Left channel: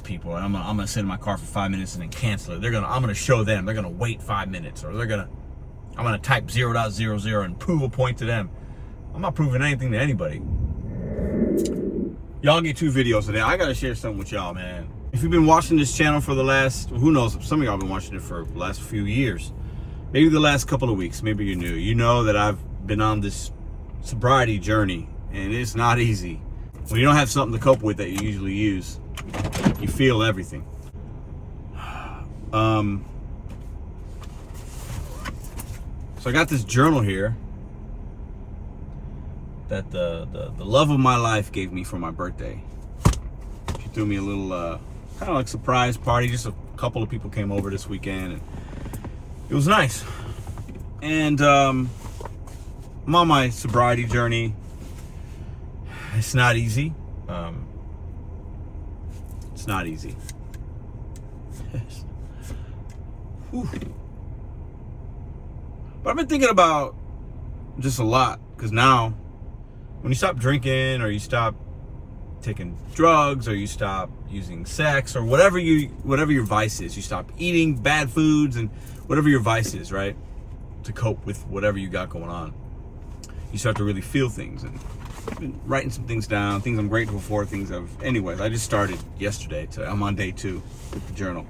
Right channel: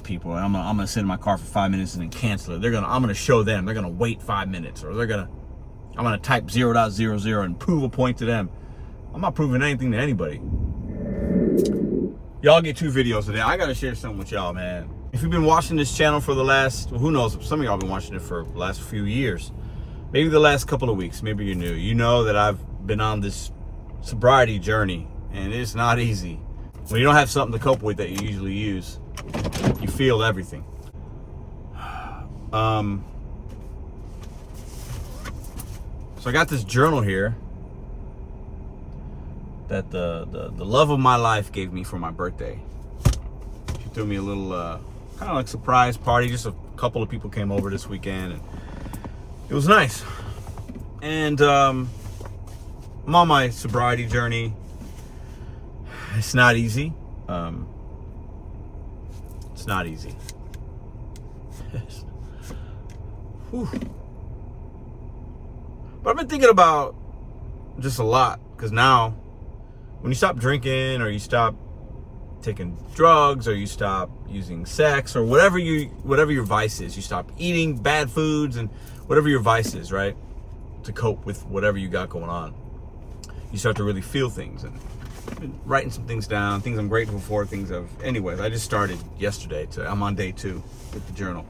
these people. I'm gonna sit in my car for 5 minutes and then cancel it. I'm gonna show them. They're gonna wait 5 minutes, or I'm gonna type 0.00 and prove a point to them. I'm not proving anything to anybody. Y'all get 2 videos today. I gotta share something with y'all, man. If you've been watching this channel for the last, who knows, some of y'all have been watching it for the last few years, maybe the last couple of weeks, maybe you're new. You know that I've been on this sobriety journey, and it's not easy. When you don't have something to cope with that you usually use, you feel everything. So I got this journal here that the love of my life gave me for my birthday. She threw me a little kind of like surprise party. Just a couple of people came over this weekend, and it was nice. And I'm on my sobriety journey. It's not easy. It's not easy. Whew. But I've been thinking about just a lot, because now when you stop drinking, or you stop taking drugs, or you stop using sex, or whatever your vice is, you stop eating bad foods and whatever your vice is, right? To cope with whatever you got going on, you start to really feel things. And I've been writing some things down, things I'm grateful for, anyways, I just started yesterday. I'm on day 2 with the journal.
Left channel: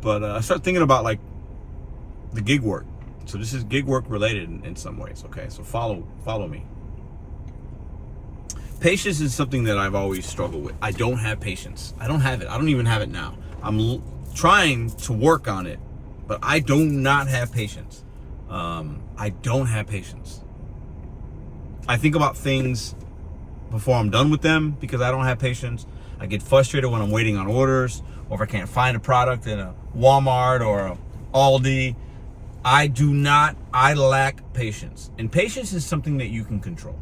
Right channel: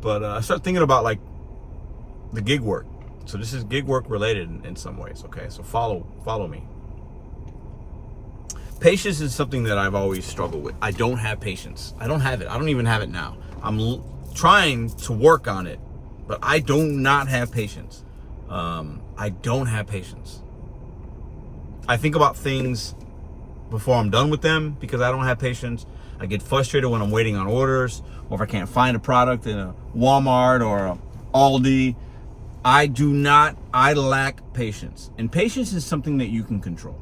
But I started thinking about like the gig work. So this is gig work related in some ways, okay? So follow me. Patience is something that I've always struggled with. I don't have patience. I don't have it. I don't even have it now. I'm trying to work on it, but I do not have patience. I don't have patience. I think about things before I'm done with them because I don't have patience. I get frustrated when I'm waiting on orders, or if I can't find a product in a Walmart or a Aldi. I lack patience. And patience is something that you can control.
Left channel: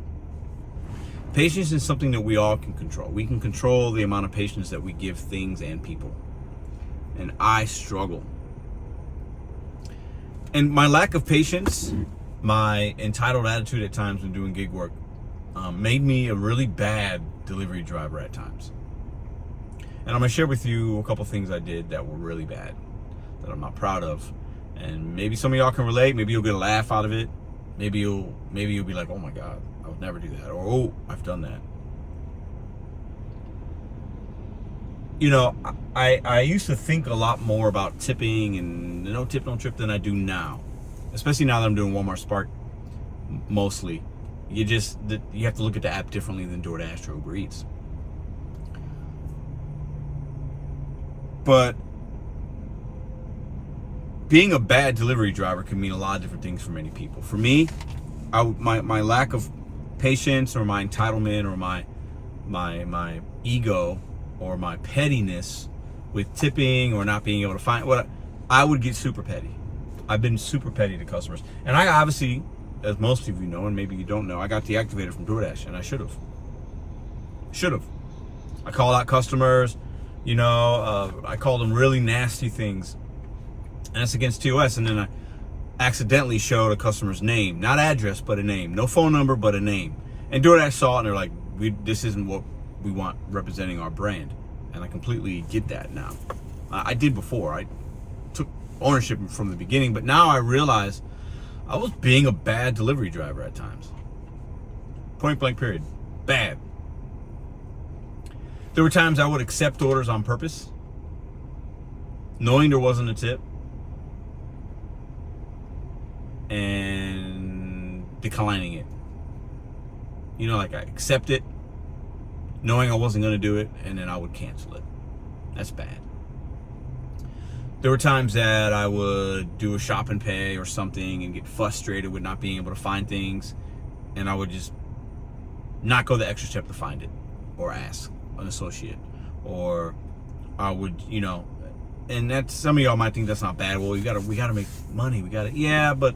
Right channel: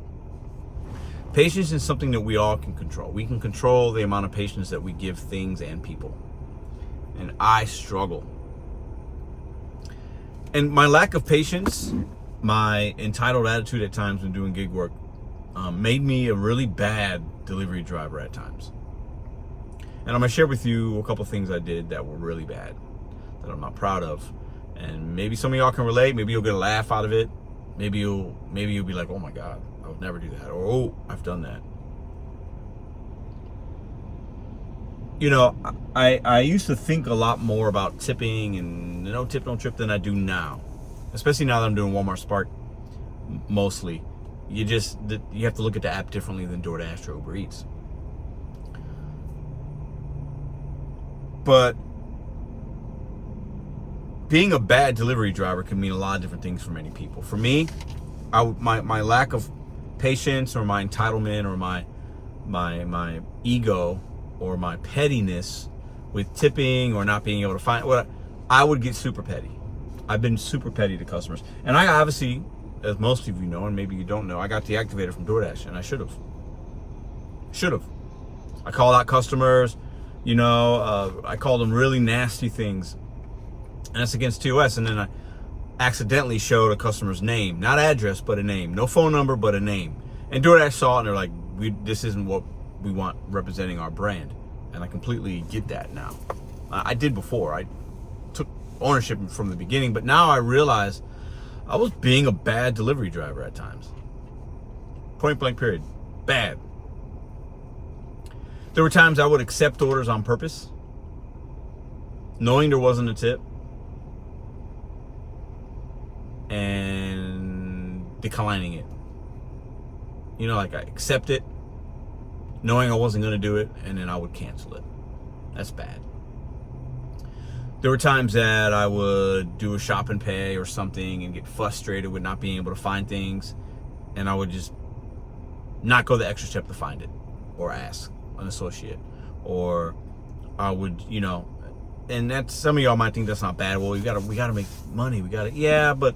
Patience is something that we all can control. We can control the amount of patience that we give things and people. And I struggle. And my lack of patience, my entitled attitude at times when doing gig work, made me a really bad delivery driver at times. And I'm gonna share with you a couple things I did that were really bad, that I'm not proud of. And maybe some of y'all can relate. Maybe you'll get a laugh out of it. Maybe you'll be like, oh my God, I would never do that. Or, oh, I've done that. You know, I used to think a lot more about tipping and no tip, no trip than I do now. Especially now that I'm doing Walmart Spark mostly. You have to look at the app differently than DoorDash or Uber Eats. But being a bad delivery driver can mean a lot of different things for many people. For me, my lack of patience, or my entitlement, or my ego, or my pettiness with tipping or not being able to find I would get super petty. I've been super petty to customers. And I obviously, as most of you know, and maybe you don't know, I got deactivated from DoorDash, and I should have. I called out customers, I called them really nasty things. And it's against TOS. And then I accidentally showed a customer's name, not address, but a name. No phone number, but a name. And DoorDash saw it, and they're like, this isn't what we want representing our brand. And I completely get that now. I did before. I took ownership from the beginning, but now I realize I was being a bad delivery driver at times. Point blank period. Bad. There were times I would accept orders on purpose, knowing there wasn't a tip, and declining it. Like I accept it, knowing I wasn't going to do it, and then I would cancel it. That's bad. There were times that I would do a shop and pay or something and get frustrated with not being able to find things, and I would just not go the extra step to find it, or ask an associate, or I would, and that's, some of y'all might think that's not bad. Well, we gotta make money. Yeah, but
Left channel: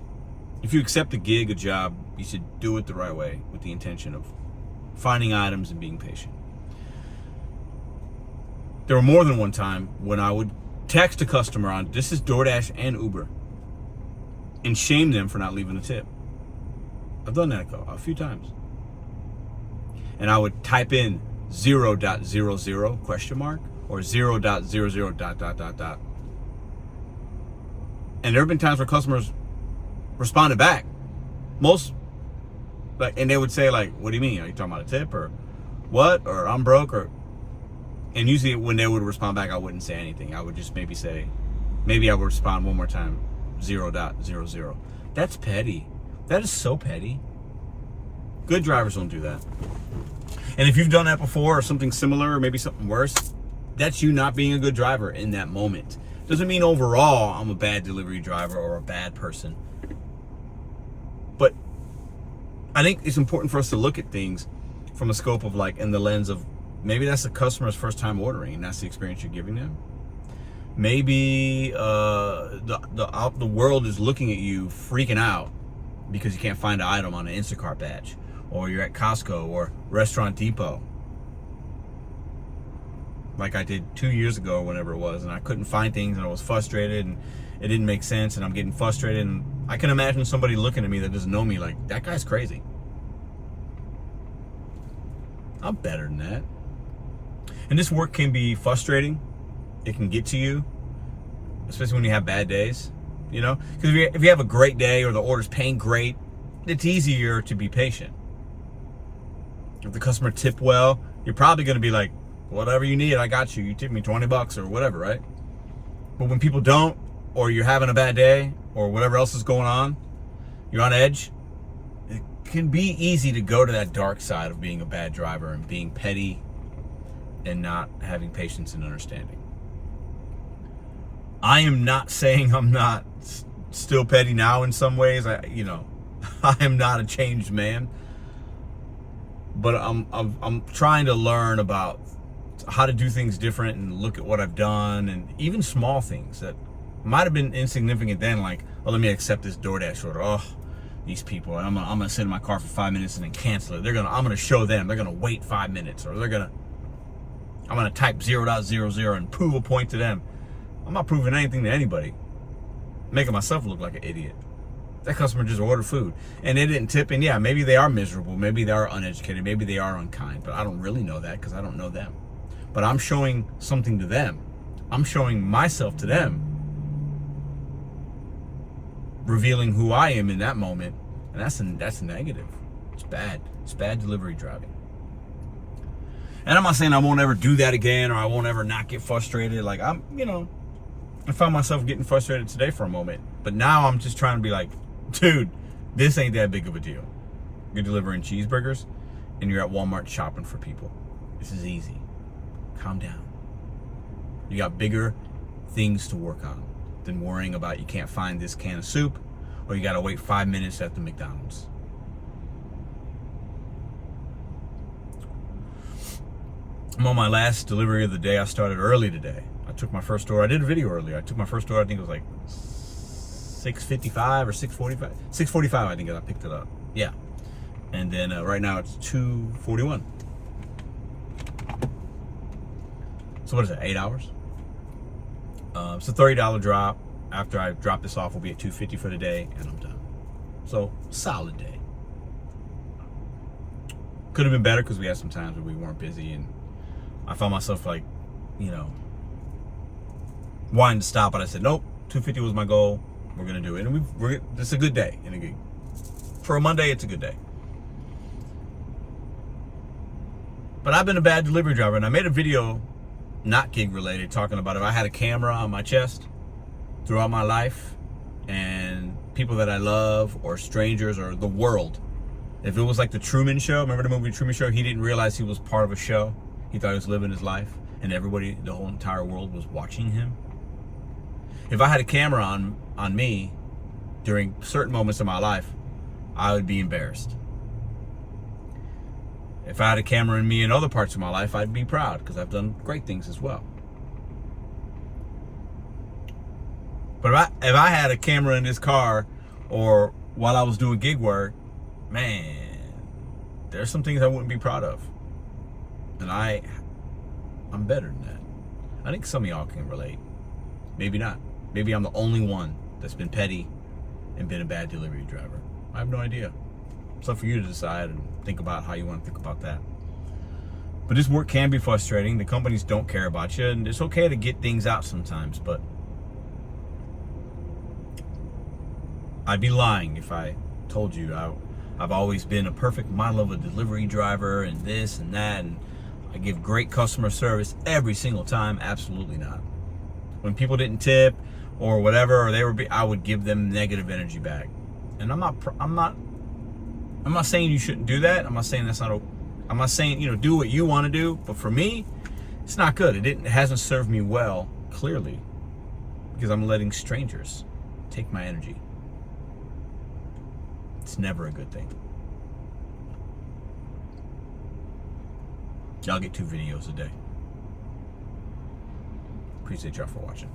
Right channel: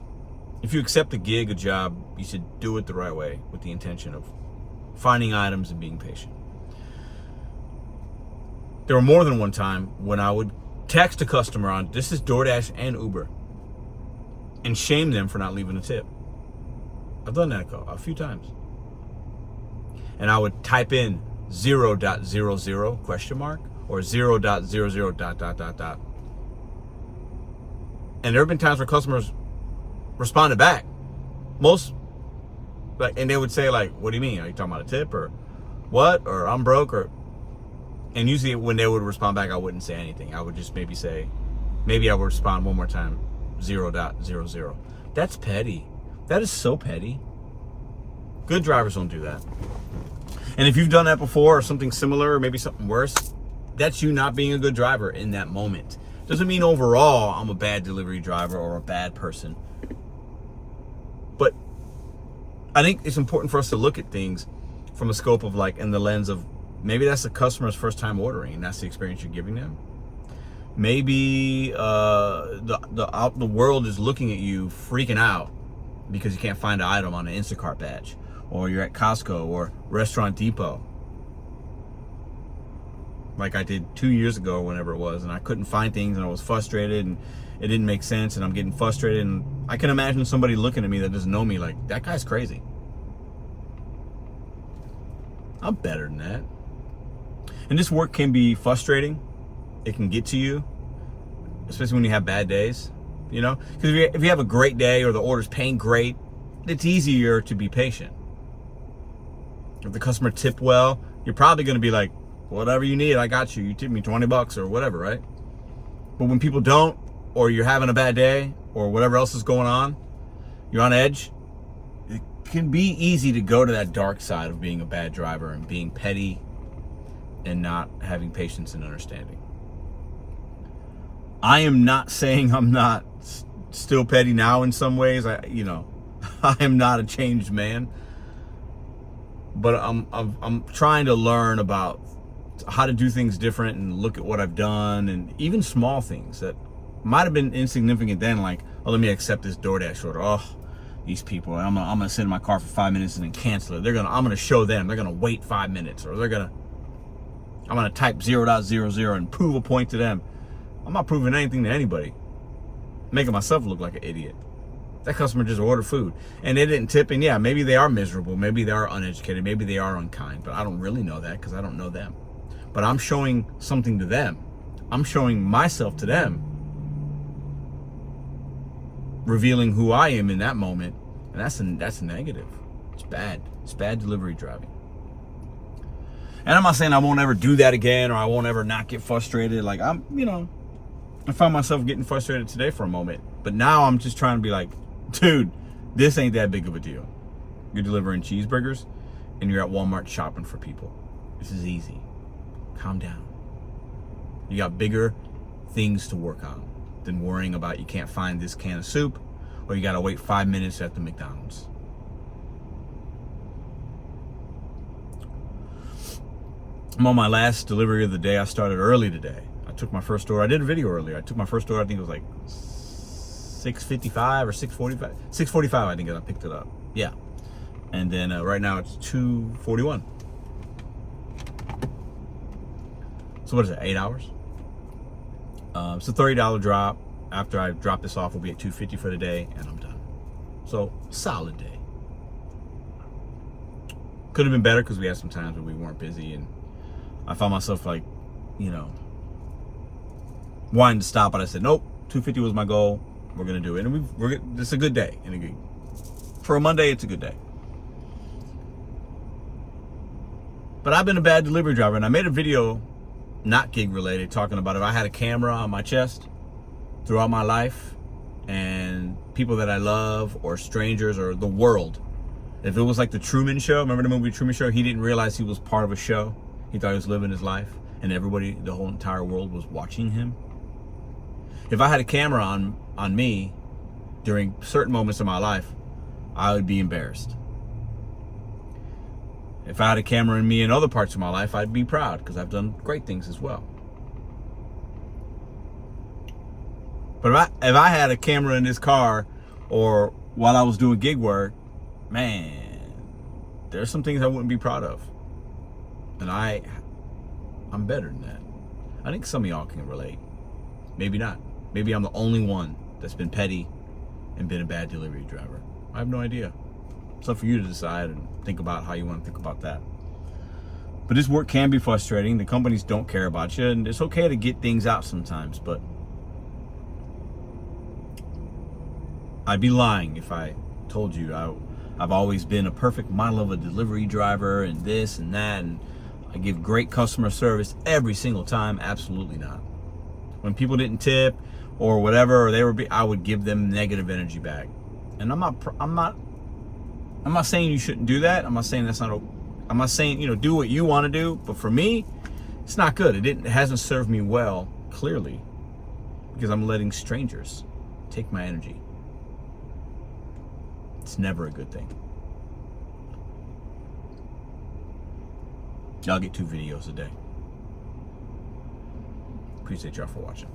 if you accept a gig, a job, you should do it the right way, with the intention of finding items and being patient. There were more than one time when I would text a customer on, this is DoorDash and Uber, and shame them for not leaving a tip. I've done that a few times. And I would type in 0.00 ? or 0.00 dot dot dot dot. And there have been times where customers responded back. And they would say like, what do you mean? Are you talking about a tip or what? Or I'm broke and usually when they would respond back, I wouldn't say anything. I would just maybe I would respond one more time, 0.00. That's petty. That is so petty. Good drivers don't do that. And if you've done that before or something similar or maybe something worse, that's you not being a good driver in that moment. Doesn't mean overall I'm a bad delivery driver or a bad person. But I think it's important for us to look at things from a scope of like in the lens of maybe that's the customer's first time ordering and that's the experience you're giving them. Maybe the world is looking at you freaking out because you can't find an item on an Instacart badge, or you're at Costco or Restaurant Depot, like I did 2 years ago or whenever it was, and I couldn't find things and I was frustrated and it didn't make sense and I'm getting frustrated, and I can imagine somebody looking at me that doesn't know me like, that guy's crazy. I'm better than that. And this work can be frustrating. It can get to you, especially when you have bad days, you know? Because if you have a great day or the order's paying great, it's easier to be patient. If the customer tipped well, you're probably going to be like, whatever you need, I got you. You tip me $20 or whatever, right? But when people don't, or you're having a bad day, or whatever else is going on, you're on edge, it can be easy to go to that dark side of being a bad driver and being petty and not having patience and understanding. I am not saying I'm not still petty now in some ways. I am not a changed man, but I'm trying to learn about how to do things different and look at what I've done, and even small things that might have been insignificant then, like, oh, let me accept this DoorDash order. Oh, these people, I'm gonna sit in my car for 5 minutes and then cancel it. I'm gonna show them. They're gonna wait 5 minutes, or I'm gonna type 0.00 and prove a point to them. I'm not proving anything to anybody. I'm making myself look like an idiot. That customer just ordered food and they didn't tip, and yeah, maybe they are miserable, maybe they are uneducated, maybe they are unkind, but I don't really know that because I don't know them. But I'm showing something to them. I'm showing myself to them, revealing who I am in that moment, and that's negative. It's bad. It's bad delivery driving. And I'm not saying I won't ever do that again, or I won't ever not get frustrated. Like I found myself getting frustrated today for a moment, but now I'm just trying to be like, dude, this ain't that big of a deal. You're delivering cheeseburgers and you're at Walmart shopping for people. This is easy. Calm down. You got bigger things to work on than worrying about you can't find this can of soup, or you got to wait 5 minutes at the McDonald's. I'm on my last delivery of the day. I started early today. I took my first order. I did a video earlier. I took my first order, I think it was like 6:55 or 6:45. 6:45, I think I picked it up. Yeah. And then right now it's 2:41. So what is that, 8 hours? It's a $30 drop. After I drop this off, we'll be at $250 for the day, and I'm done. So, solid day. Could have been better because we had some times where we weren't busy, and I found myself like, wanting to stop, but I said, nope, $250 was my goal. We're gonna do it, and it's a good day. And for a Monday, it's a good day. But I've been a bad delivery driver, and I made a video, not gig related, talking about if I had a camera on my chest throughout my life, and people that I love, or strangers, or the world. If it was like the Truman Show, remember the movie Truman Show? He didn't realize he was part of a show. He thought he was living his life, and everybody, the whole entire world was watching him. If I had a camera on me during certain moments of my life, I would be embarrassed. If I had a camera in me in other parts of my life, I'd be proud because I've done great things as well. But if I had a camera in this car, or while I was doing gig work, man, there's some things I wouldn't be proud of. And I'm better than that. I think some of y'all can relate. Maybe not. Maybe I'm the only one that's been petty and been a bad delivery driver. I have no idea. It's up for you to decide and think about how you want to think about that. But But this work can be frustrating. The companies don't care about you, and it's okay to get things out sometimes, but I'd be lying if I told you I've always been a perfect model of a delivery driver and this and that, and I give great customer service every single time. Absolutely not. When people didn't tip or whatever, or I would give them negative energy back. And I'm not saying you shouldn't do that. I'm not saying I'm not saying, do what you want to do, but for me, it's not good. It hasn't served me well, clearly, because I'm letting strangers take my energy. It's never a good thing. Y'all get 2 videos a day. Appreciate y'all for watching.